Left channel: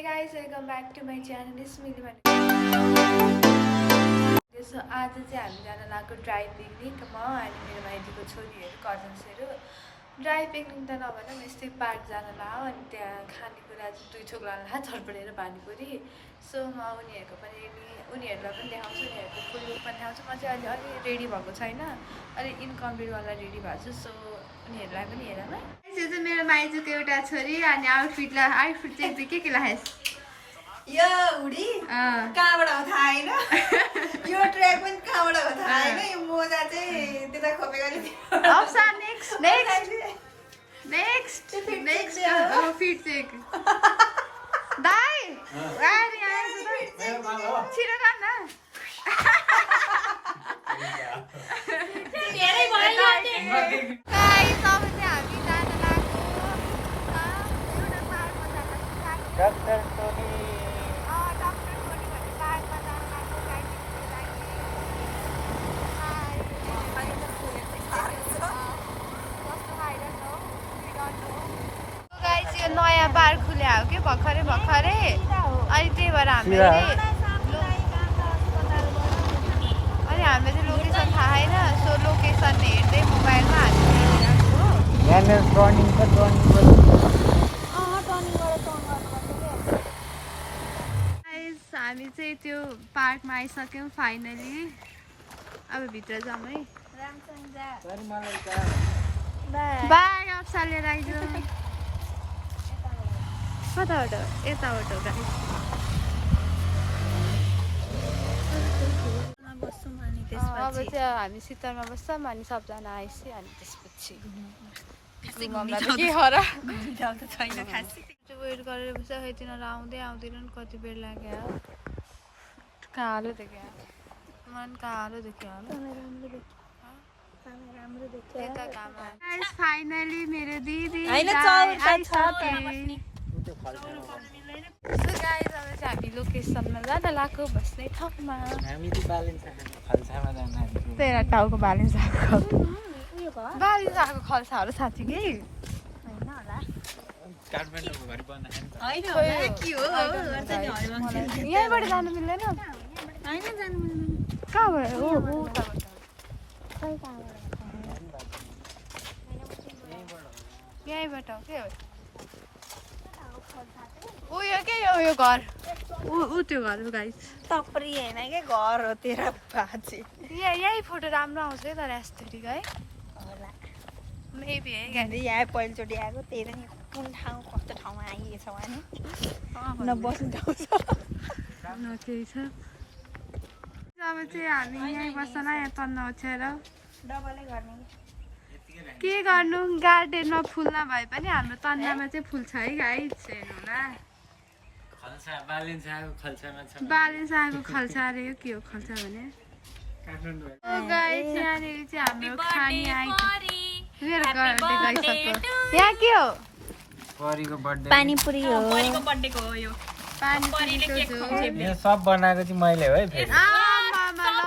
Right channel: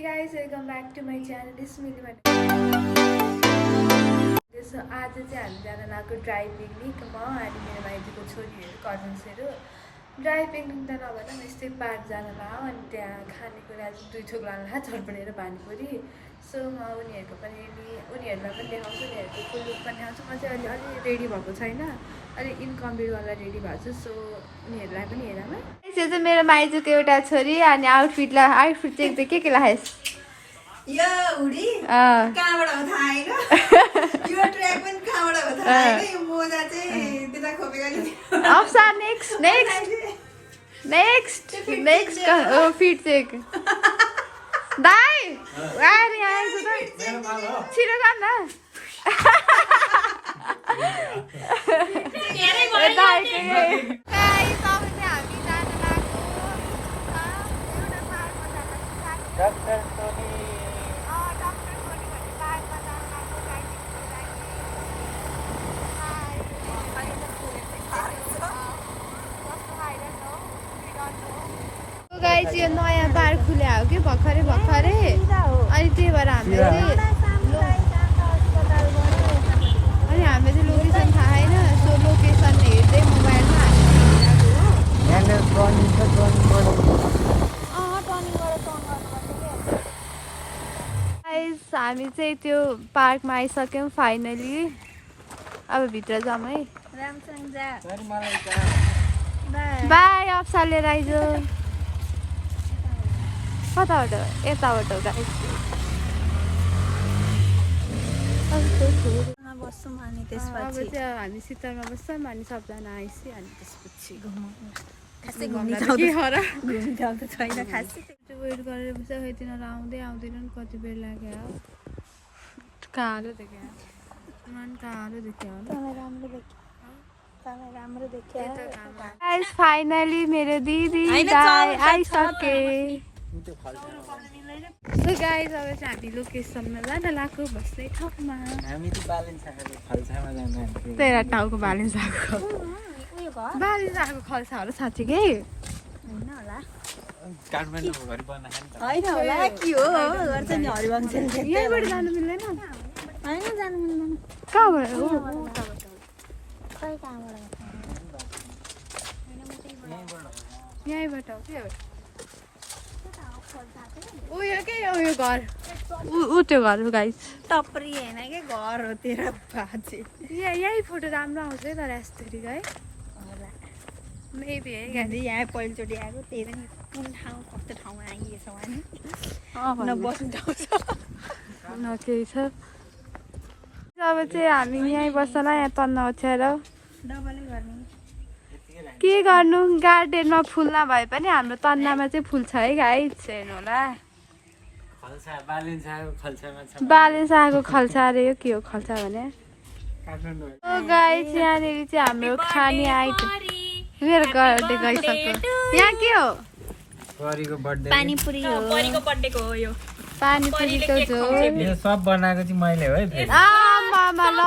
Hey guys, welcome back to my channel. This is Milima. So आज चाहिँ हामी जान लागेको ड्राई पिकनिक म अनि मेरो माइतीको छोरीहरू कजन्सहरू ड्राई पिकनिक त नभन यस्तै पार्क जान लाग्यो अनि त्यहाँ खानेकुरा चाहिँ 2 थोक लान लाग्यो झरपडेर पानीपुरी सो म उनीहरूलाई पनि देखाउँछु उनीहरूको फुल लुक पनि देखाउँछु म चाहिँ अलि रेडी भएको छैन अलि इनकम्प्लिटवाला रेडी भएको छु सो उनीहरूलाई पनि हेरौँ है यो चाहिँ मेरो माइतीको एउटा छोरी अनि आउटफिट चाहिँ के लगाएस् यो उडी कहाँबाट हो थाहा हैन यो ट्र्याक पनि कहाँबाट हो थाहा हैन यो मोजा चाहिँ त्यता खोपेको नि अप्सन नेक्स्ट फिट चेक दाइ आएर यहाँ आएको त छिटो जान न यो नयाँ पार्क खुल्या हो कि भर्खरै अनि त्यही भएर हामीले चाहिँ लोकेसन थाहा छैन सो लोकेसन हेर्दै मोबाइलमा हामीले हेरिरहेको हो हामी चाहिँ त्यो पार्कमा आइसक्यौँ फाइनली अब भित्र जाऊँ है बाई अप्सा लिएर आइज कताबाट यताबाट अब चाहिँ हामी शीतलमा बस्छौँ अनि सबजना आइसि अनि त्यसपछि वेट गरेर बस्छ खै तिनीहरू आउँदैनन् कति बेर लाग्यो कालो देख्यो मन कालो देख्यो फाइनली मेरो दिदी आइसके गाइस अब चाहिँ हामी लोकेसनमा जान लाग्यो बस्ने ठाउँमा तेरा टाउको बालिन्साको खल्साहरू साँच्चीकै यहीँबाट जानु मिल्दैन कहाँबाट यहीँबाट हो क्या उयो के उयो घर ऊ त्यो घर हो गाइस टपरी हैन के घर हो तेरा बाजे यही फोटो राम्रो आउँछ है तर एस्थेटिक है मेबी है गाडी यहाँ पहिलोचोटि आएको तेरा कुन ठाउँ कस्तो ठाउँमा आइएछ भने बस्नु ठाउँ छ अब चाहिँ हामी यहीँ बस्छला यहाँ तन्न ओछ्याएर के गर्नु गार्डनमा फुल नभए पनि हाम्रो तन्नामा चाहिँ फुल छ है गाइस हेर्नु होला बालिन्साको खल्सा अरे यो के हो खल्सा भने गाइस यहाँनिर चाहिँ हाम्रो खाने आइटम मेरो बर्थडे गइसक्यो यहाँ के हो पानीपुरी हो बडीको बर्थडेको हो यो पानीपुरीको झोल यो सब बनाएको चाहिँ मैले हो है मामा ल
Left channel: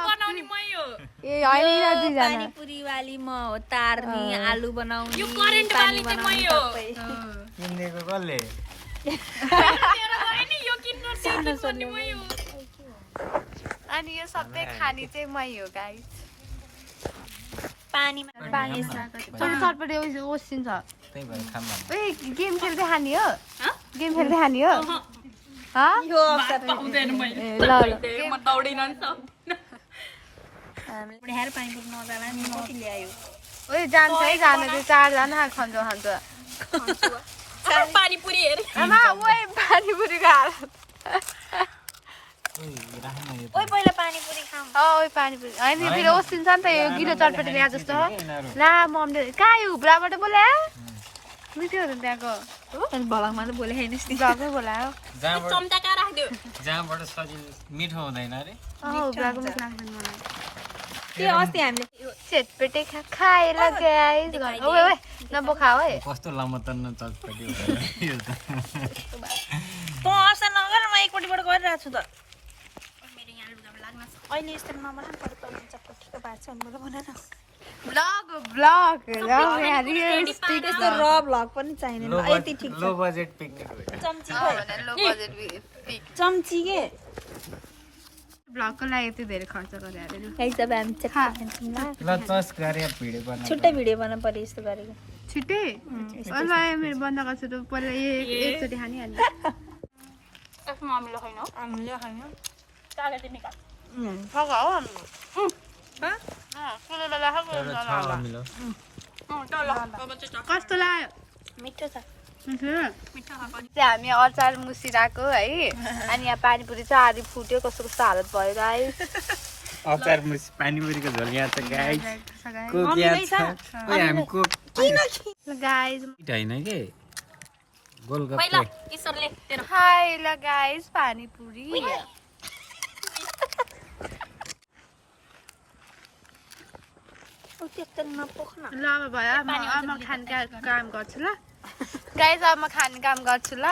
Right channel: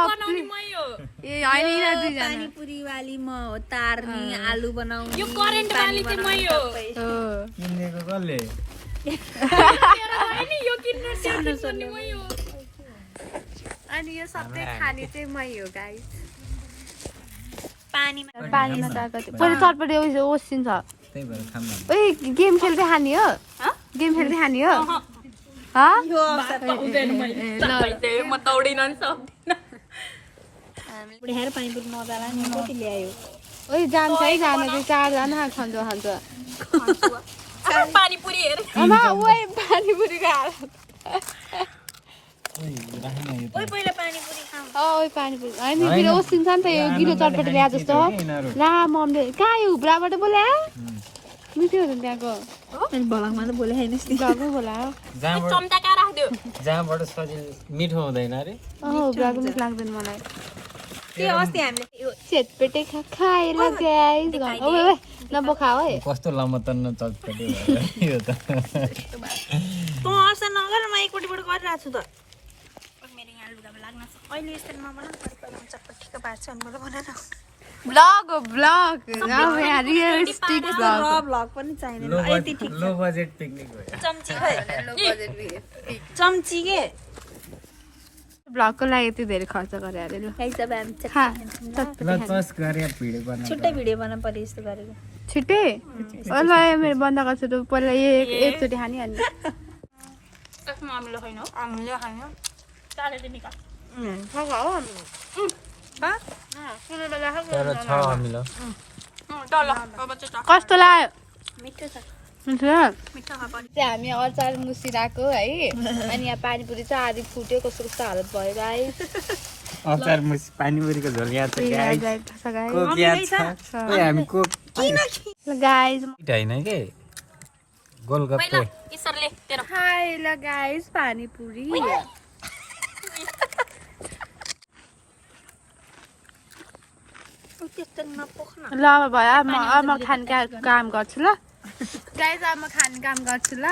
ए हैन दुईजना पानीपुरी वाली म हो तार्नी आलु बनाउने यो करेन्ट वाली चाहिँ मै हो किनेको कसले हैन यो किन्नु पर्ने मै हो अनि यो सबै खाने चाहिँ मै हो गाइस पानीमा गएको थियो पछि चटपटे ओसिन्छ त्यही भएर खाम ओइ गेम खेल्दै खाने हो गेम खेल्दै खाने हो म दौडिन नि सक्दिन बुढाएर पानीपुरी नजाला नि कति ल्यायो ओइ जान्छ है जान चाहिँ 4 जना खान्छ आमा ओइ पानीपुरीको हालत ओइ पहिला पानीपुरी खाऊ ओइ पानीपुरी हैन फेरि ओसिन्छ नि त यो गिलो चटपटे ल्या जस्तो ला ममले कहाँ यो हुब्राबाट बोल्या मिठो हो त त्यहाँको अनि भलामा त बोले हैन हुब्राकै बोलायो जहाँबाट सजिलो मिठो हुँदैन अरे हुब्राको मिठो लाग्दैन मलाई त्यो अस्ति हामीले चटपटे खाएर गाइस ओइ ओइ नबोखाऊ है कस्तो लमतन्न चटपटे यो त त असर नगर म एकपट्टिबाट गरिरहेको छु त मेरो यहाँ लुगामा लाग्न अहिले यस्तो नबनाउनु पर्छ चटपटीको पार्छ अनि मलाई बनाउनु ब्लग हो ब्लग अब यहाँ रियलिस्टिक ब्लग भ्लग पनि चाहिँदैन लो यति ठिक लो बजेट पिकनिक भयो लो बजेट चम्ची के ब्लगको लागि यति धेरै खर्च गरे अरे ल हिसाब हामी खा ल चस गरे भिडियो बना छुट्टै भिडियो बनाउनु पर्यो यस्तो गरेको छिट्टै ल मेरो बन्द गर्छु त पहिला एकचोटि खानिहाल्नु त्यसमा अमिलो छैन हो हामीले खानु चाले चाहिँ निकाल तर छ हामीलाई कस्तो लाग्यो मिठो छ मिठो मिठो खा पनि चाहिँ हामी अचार मुसिरहेको है अनि यहाँ पानीपुरी चाहिँ आधी फुट्यो कस्तो कस्तो हालत भयो गाइस अचार मुस पानीपुरीको झोल यहाँ छ कोक यहाँ छ ओइ हामी कोक गाइस हैन के गोलगप्पे ईश्वरले तेरो हाय ल गाइस पानीपुरी ल अब भयो म खाने काम गर्छु ल गाइस अब म खाने काम गर्छु ल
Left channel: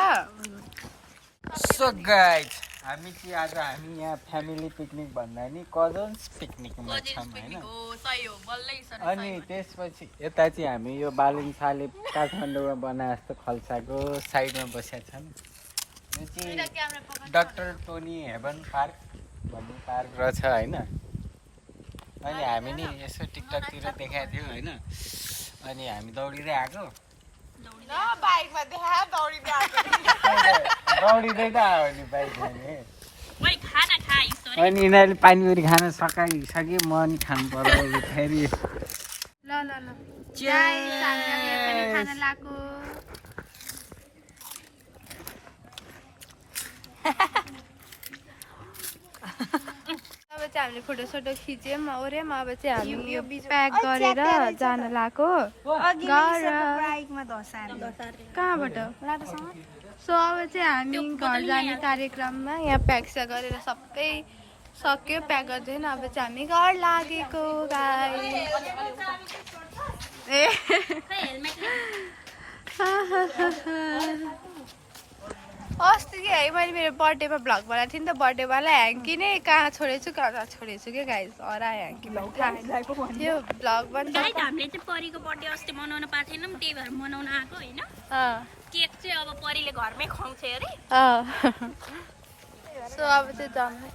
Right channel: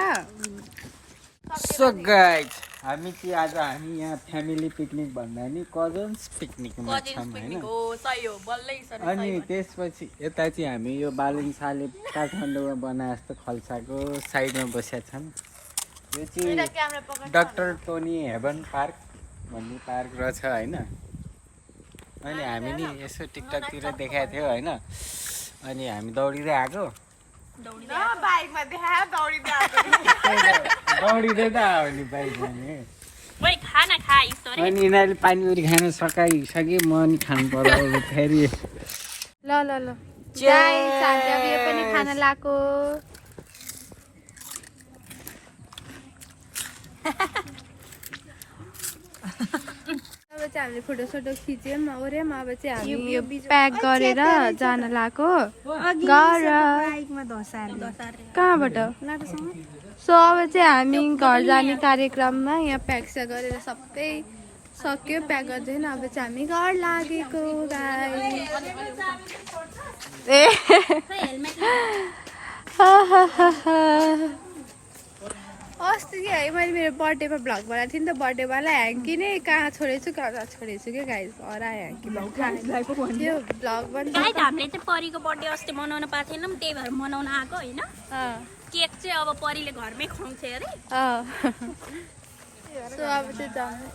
सो गाइज हामी चाहिँ आज हामी यहाँ फ्यामिली पिकनिक भन्दा नि कजन्स पिकनिकमा छौँ होइन हो सही हो बल्लै ईश्वर अनि त्यसपछि यता चाहिँ हामी यो बालिङसाले काठमाडौँमा बनाए जस्तो खल्साको साइडमा बसेका छौँ यो चाहिँ डाक्टर टोनी हेभन पार्क भन्ने पार्क रहेछ होइन अनि हामी नि यसो टिकटकतिर देखाएको थियो होइन अनि हामी दौडिँदै आएको बाइकमा देखायो दौडिँदै दौडिँदै त आयो नि बाइकमा नि ओइ खाना खा ईश्वर अनि यिनीहरूले पानीपुरी खान सकाइसके म नि खानु पर्यो अब फेरि ल गाइस हामी अब यो पनि खान लाएको अब चाहिँ हामीले फोटोसोटो खिच्यौँ ओऱ्यौँ अब चाहिँ हामी यो प्याक गरेर जान लाएको घर बाइकमा धसाएर कहाँबाट सो अब चाहिँ हामी घर जाने कार्यक्रममा यहाँ प्याक गरेर सबै सक्यो प्याक गर्दैन अब चाहिँ हामी घर लागेको गाइस ए अस्ति कि है मैले मेरो बर्थडेमा भ्लग बनाएको थिएँ नि त बर्थडेवाला ह्याङ्की नै कहाँ छोडेछु क्या गाइस हरायो ह्याङ्की पनि त्यो भ्लग पनि गाइस हामीले चाहिँ परीको बर्थडे अस्ति मनाउन पाएको थिएनौँ त्यही भएर मनाउन आएको होइन केक चाहिँ अब परीले घरमै खुवाउँछ अरे सो अब चाहिँ जानु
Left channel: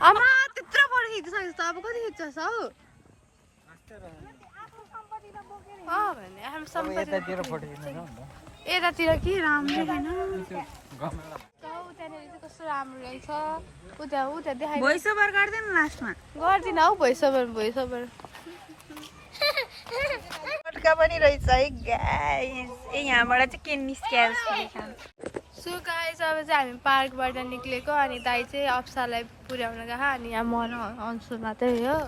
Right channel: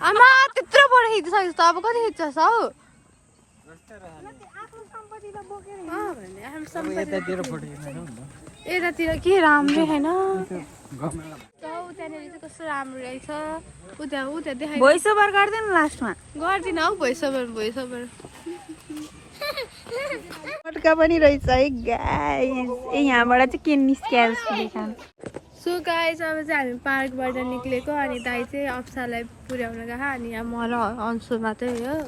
आमा त्यत्रो बडो खिचिसकेको छ अब कति खिच्छस् हौ यतातिर के राम्रै छैन त्यहाँनिर चाहिँ कस्तो राम्रो रहेछ उता देखाइ भोइस ओभर गर्दैन लास्टमा गर्दिनँ हौ भोइस ओभर पटका पनि रहेछ है गाइस यहाँबाट चाहिँ के निस्किया जस्तो देखा सो गाइस अब चाहिँ हामी पार्कबाट निक्लेको अनि दाइ चाहिँ अप्सालाई पुर्याउन गएको अनि यहाँ म र अन्सु मात्रै हो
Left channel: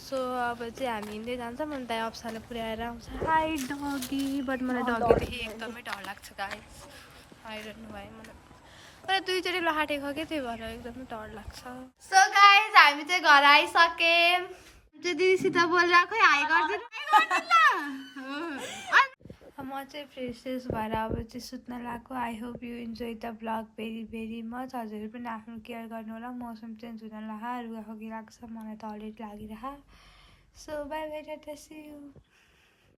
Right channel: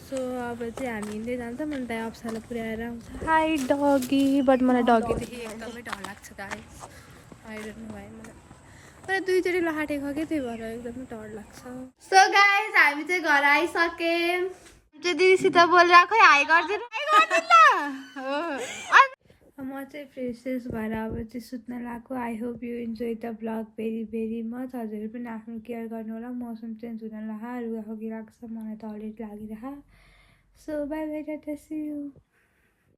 सो अब चाहिँ हामी हिँड्दै जान्छौँ अनि दाइ अप्सालाई पुर्याएर आउँछ हाई डगी बट मलाई डगीदेखि एकदमै डर लाग्छ गाइस आइरहनु भयो मलाई दुईचोटि लहाटेको कि त्यही भएर एकदमै डर लाग्छ सो गाइस हामी चाहिँ घर आइसक्यौँ चाहिँ दिदीसित बोलेर खै हाई गरिदिनु म चाहिँ फ्रेसेस भएर अब चाहिँ सुत्न लाग्यो I hope you enjoy the blog very much हजुरहरू पनि आफ्नो केयर गर्नु होला मौसम चेन्ज हुन लाग्छ रुगाखोकी लाग्छ मलाई त अलरेडी लागिरह so bye bye ta-ta see you